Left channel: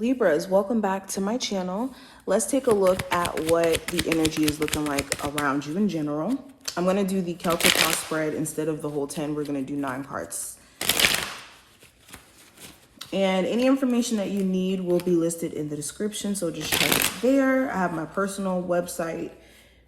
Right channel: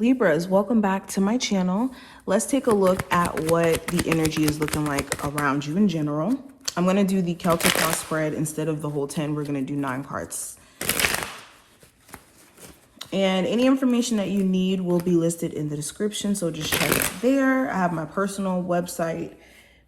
Libras, welcome back to my channel. Let's take a look at what the energy is looking like around you in general. I'm going to do the Celtic cross spread instead of the whole 10. We're going to do 9 cards. And any information that you need will be listed in the description, so just check it there. I have my personal website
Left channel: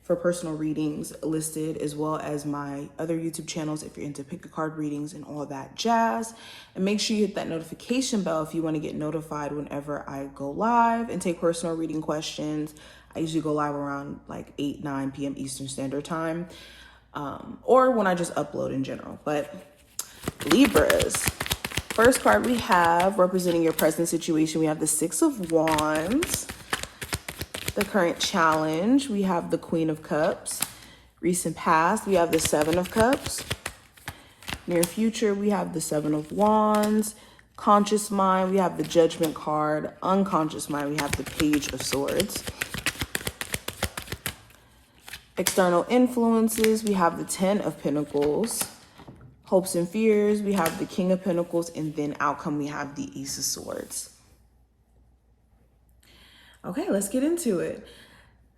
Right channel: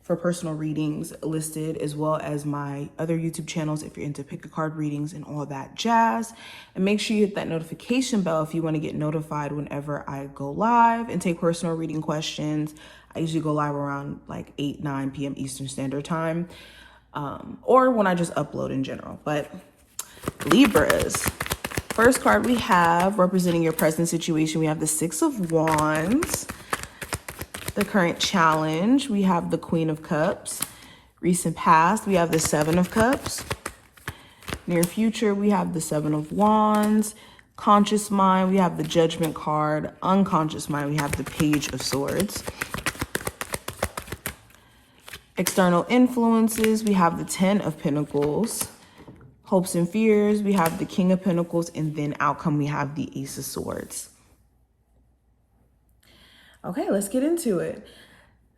for personal readings listed, as well as my other YouTube channels if you're into pick a card readings and all that jazz. And make sure you hit that notification bell if you want to get notified whenever I go live and take personal reading questions. I usually go live around like 8-9 p.m. Eastern Standard Time, or when I just upload in general. But Libras, first card we have representing your present situation, we have the 6 of Wands. The current challenge, we have the Queen of Cups. Recent past, we have the 7 of Cups. Near future, we have the 7 of Wands. Conscious mind, we have the Judgment card. Unconscious mind, we have the Page of Swords. External influences, we have the 10 of Pentacles. Hopes and fears, we have the King of Pentacles. And then outcome, we have the Ace of Swords. Okay, let's get into it.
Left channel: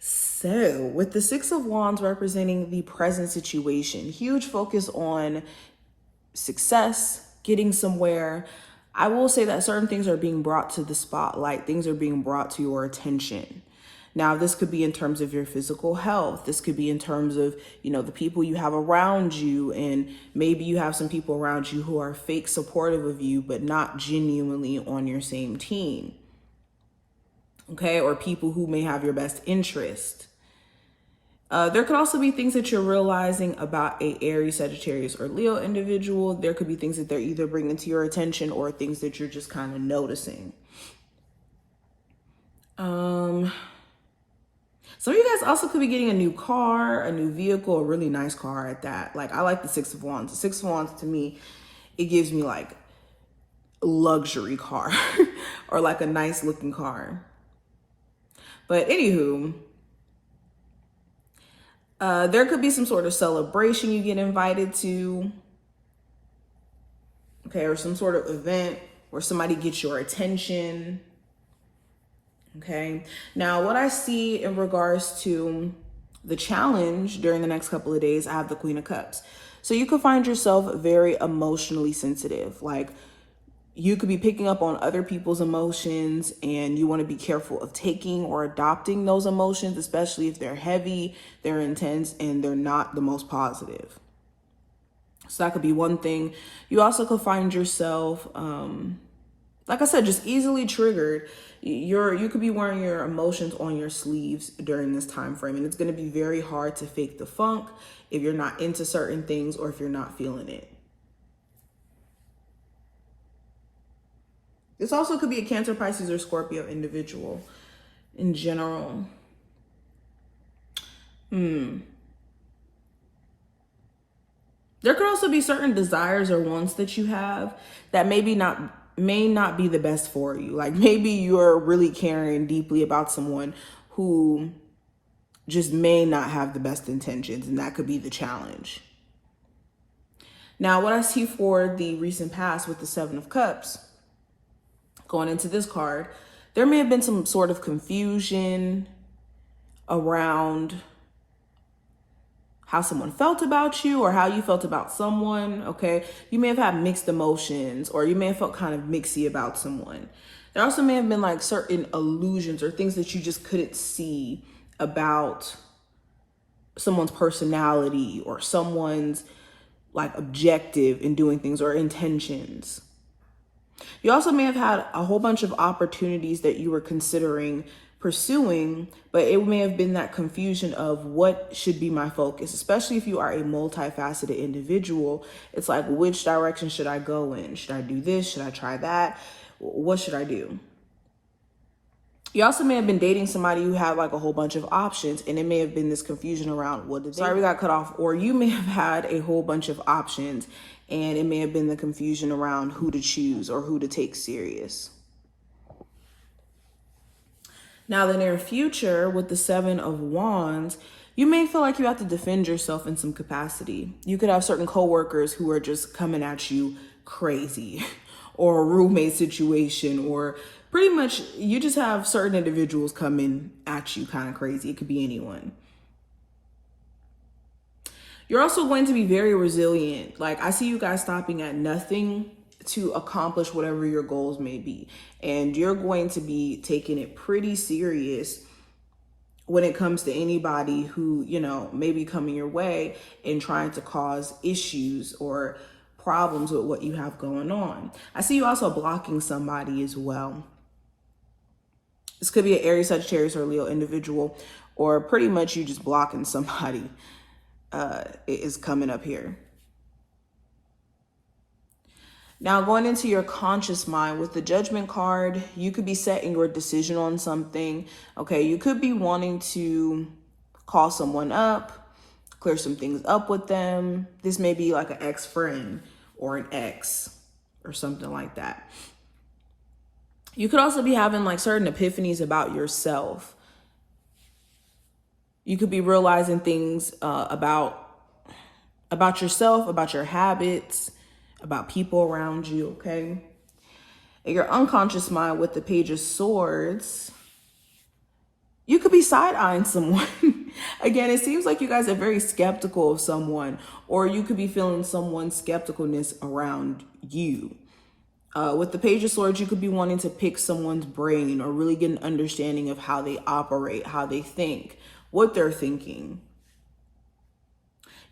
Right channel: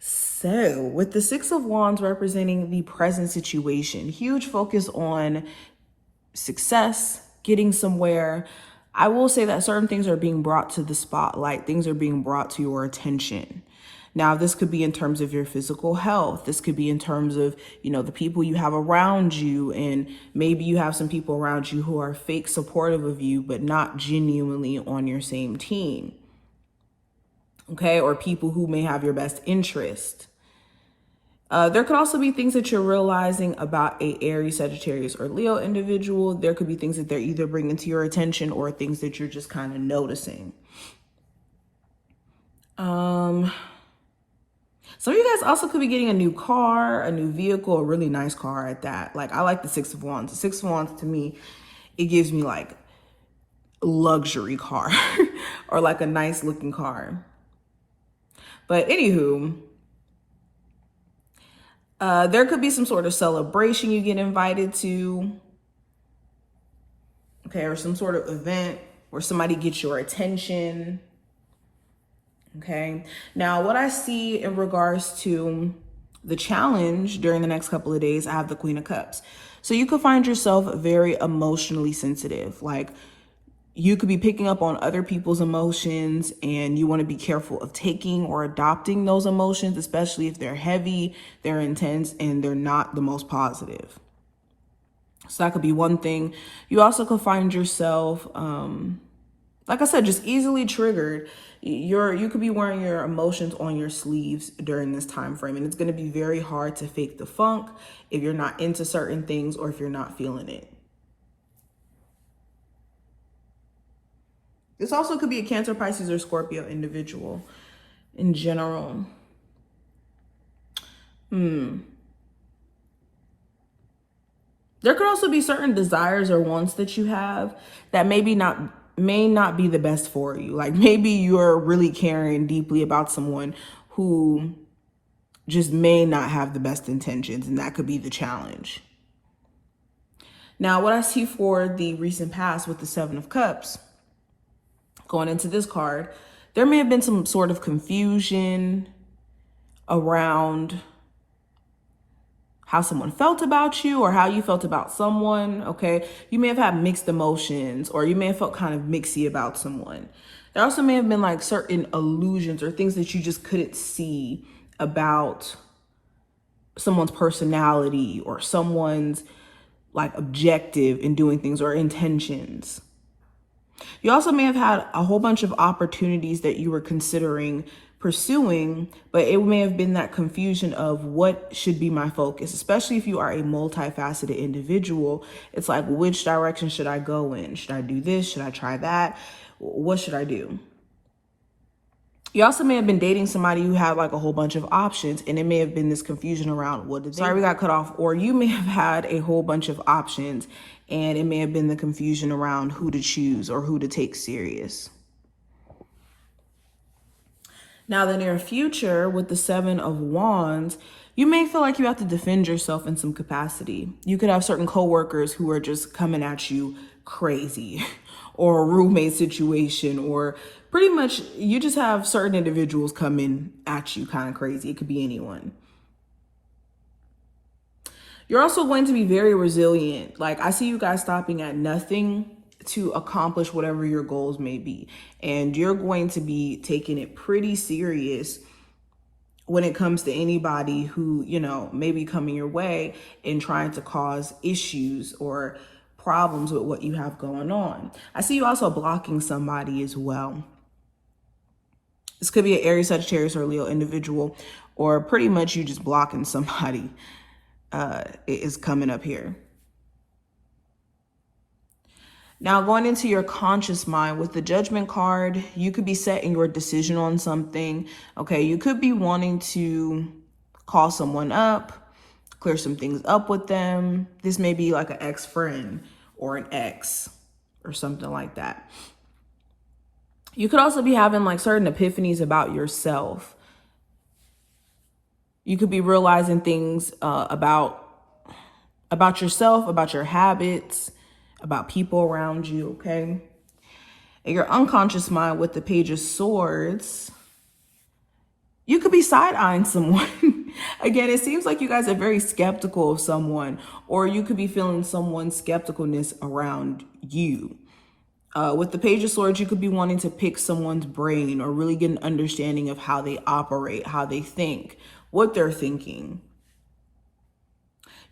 So with the 6 of Wands representing the present situation, huge focus on success, getting somewhere. I will say that certain things are being brought to the spotlight. Things are being brought to your attention. Now, this could be in terms of your physical health. This could be in terms of, the people you have around you. And maybe you have some people around you who are fake supportive of you, but not genuinely on your same team. Okay, or people who may have your best interest. There could also be things that you're realizing about a Aries, Sagittarius, or Leo individual. There could be things that they're either bringing to your attention or things that you're just kind of noticing. Some of you guys also could be getting a new car, a new vehicle, a really nice car at that. Like, I like the 6 of Wands. The 6 of Wands, to me, it gives me like a luxury car or like a nice looking car. But anywho, there could be some sort of celebration you get invited to, okay, or some sort of event where somebody gets your attention, okay? Now, what I see in regards to the challenge during the next couple of days, I have the Queen of Cups. So you could find yourself very emotionally sensitive, like you could be picking up on other people's emotions, and you want to be careful of taking or adopting those emotions, especially if they're heavy, they're intense, and they're not the most positive. So that could be one thing. You also could find yourself, like I said, just easily triggered. You could be wearing your emotions on your sleeves during this time frame, and it's going to be very hard to fake the funk if you're not into certain things or if you're not feeling it. This also could be a Cancer, Pisces, or Scorpio individual in general. There could also be certain desires or wants that you have that may not be the best for you. Like maybe you're really caring deeply about someone who just may not have the best intentions, and that could be the challenge. Now, what I see for the recent past with the 7 of Cups, going into this card, there may have been some sort of confusion around how someone felt about you or how you felt about someone, okay? You may have had mixed emotions, or you may have felt kind of mixy about someone. There also may have been like certain illusions or things that you just couldn't see about someone's personality or someone's like objective in doing things or intentions. You also may have had a whole bunch of opportunities that you were considering pursuing, but it may have been that confusion of what should be my focus, especially if you are a multifaceted individual. It's like, which direction should I go in? Should I do this? Should I try that? What should I do? You also may have been dating somebody who had like a whole bunch of options, and it may have been this confusion around what did they got cut off, or you may have had a whole bunch of options, and it may have been the confusion around who to choose or who to take serious. Now, the near future with the 7 of Wands, you may feel like you have to defend yourself in some capacity. You could have certain coworkers who are just coming at you crazy, or a roommate situation, or Pretty much, you just have certain individuals coming at you kind of crazy. It could be anyone. You're also going to be very resilient. Like, I see you guys stopping at nothing to accomplish whatever your goals may be. And you're going to be taking it pretty serious when it comes to anybody who, you know, may be coming your way and trying to cause issues or problems with what you have going on. I see you also blocking somebody as well. This could be an Aries, Sagittarius, or Leo individual, or pretty much you just blocking somebody is coming up here. Now, going into your conscious mind with the Judgment card, you could be setting your decision on something. Okay, you could be wanting to call someone up, clear some things up with them. This may be like an ex-friend or an ex or something like that. You could also be having like certain epiphanies about yourself. You could be realizing things about yourself, about your habits, about people around you, okay? In your unconscious mind with the Page of Swords, you could be side-eyeing someone. Again, it seems like you guys are very skeptical of someone, or you could be feeling someone's skepticalness around you. With the Page of Swords, you could be wanting to pick someone's brain or really get an understanding of how they operate, how they think, what they're thinking.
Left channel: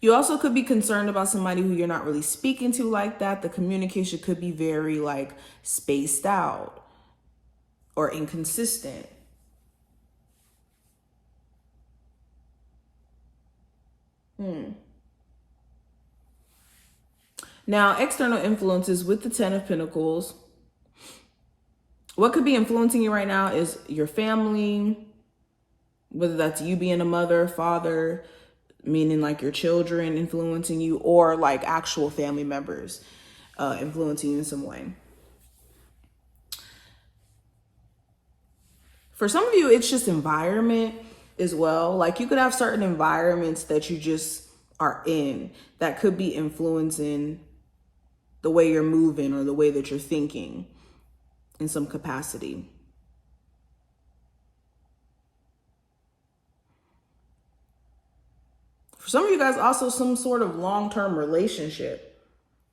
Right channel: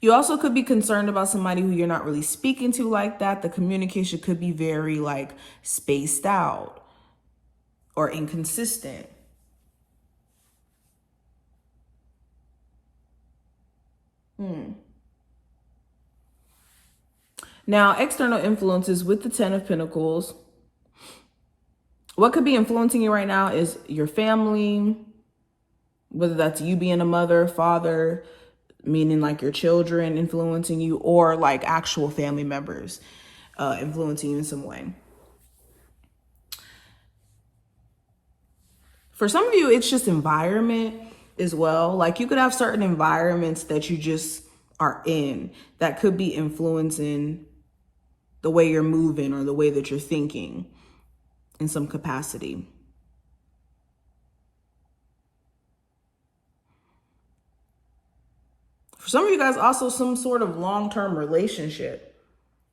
You also could be concerned about somebody who you're not really speaking to like that. The communication could be very like spaced out or inconsistent. Now, external influences with the 10 of Pentacles. What could be influencing you right now is your family, whether that's you being a mother, father, meaning like your children influencing you, or like actual family members influencing you in some way. For some of you, it's just environment as well. Like, you could have certain environments that you just are in that could be influencing the way you're moving or the way that you're thinking in some capacity. For some of you guys, also some sort of long-term relationship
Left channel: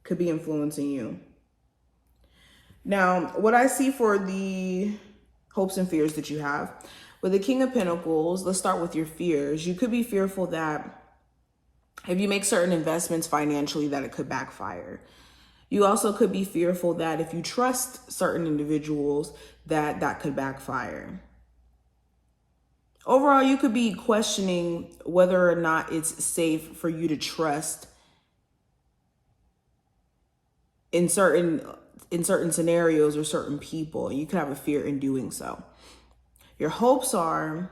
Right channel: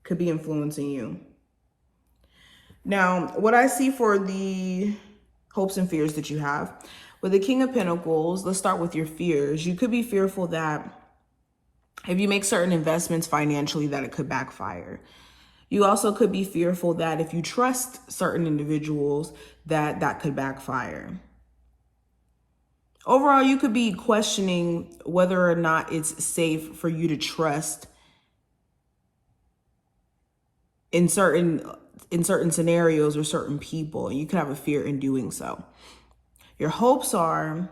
could be influencing you. Now, what I see for the hopes and fears that you have, with the King of Pentacles, let's start with your fears. You could be fearful that if you make certain investments financially, that it could backfire. You also could be fearful that if you trust certain individuals, that could backfire. Overall, you could be questioning whether or not it's safe for you to trust in certain scenarios or certain people. You could have a fear in doing so. Your hopes are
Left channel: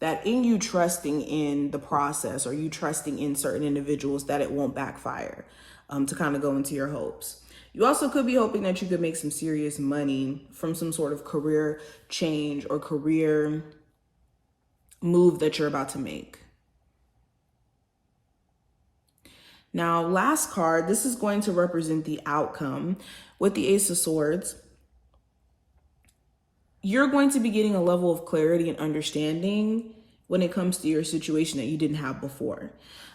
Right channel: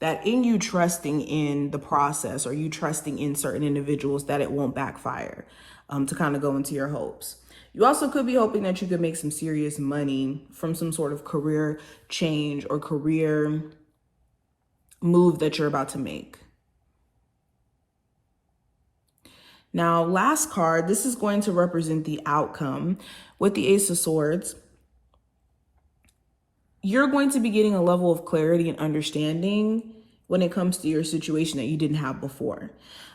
that in you trusting in the process, or you trusting in certain individuals, that it won't backfire, to kind of go into your hopes. You also could be hoping that you could make some serious money from some sort of career change or career move that you're about to make. Now, last card, this is going to represent the outcome. With the Ace of Swords, you're going to be getting a level of clarity and understanding when it comes to your situation that you didn't have before.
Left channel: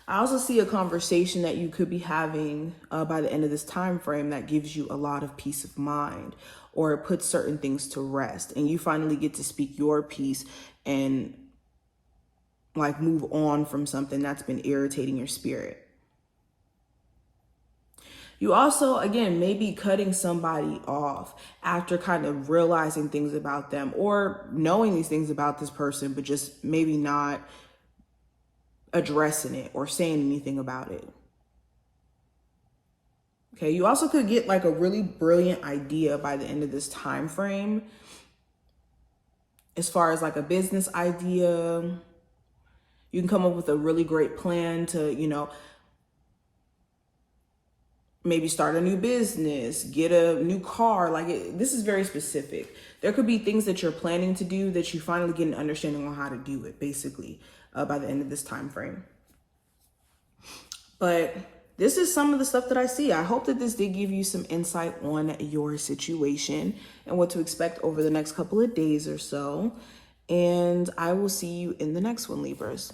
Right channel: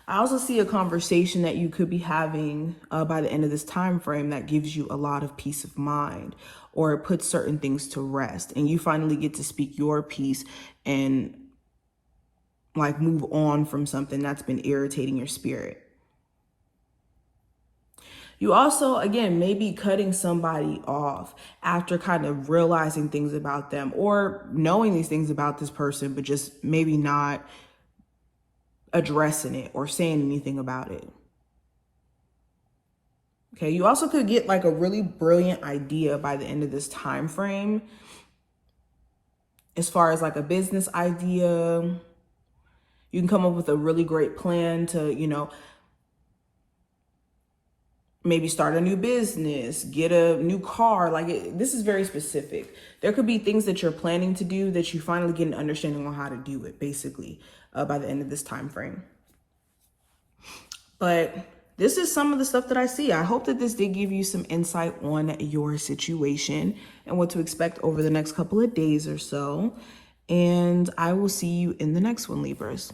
I also see a conversation that you could be having by the end of this time frame that gives you a lot of peace of mind, or it puts certain things to rest, and you finally get to speak your piece and like move on from something that's been irritating your spirit. You also, again, may be cutting somebody off after kind of realizing things about them, or knowing these things about this person, but just maybe not addressing it or saying anything about it. Okay, you also could get like a really brilliant idea by the end of this time frame, as far as like a business idea. You can come up with a really great plan to, you know, maybe start a new business, get a new car. Like, this is very specific. There could be things that you're planning to do that you finally get an understanding on how to do it, basically, by the end of this time frame. But this is some of the stuff that I see. I hope that this did give you some insight on your situation and what to expect over the next couple of days or so. And I will see you in the next one, Libras.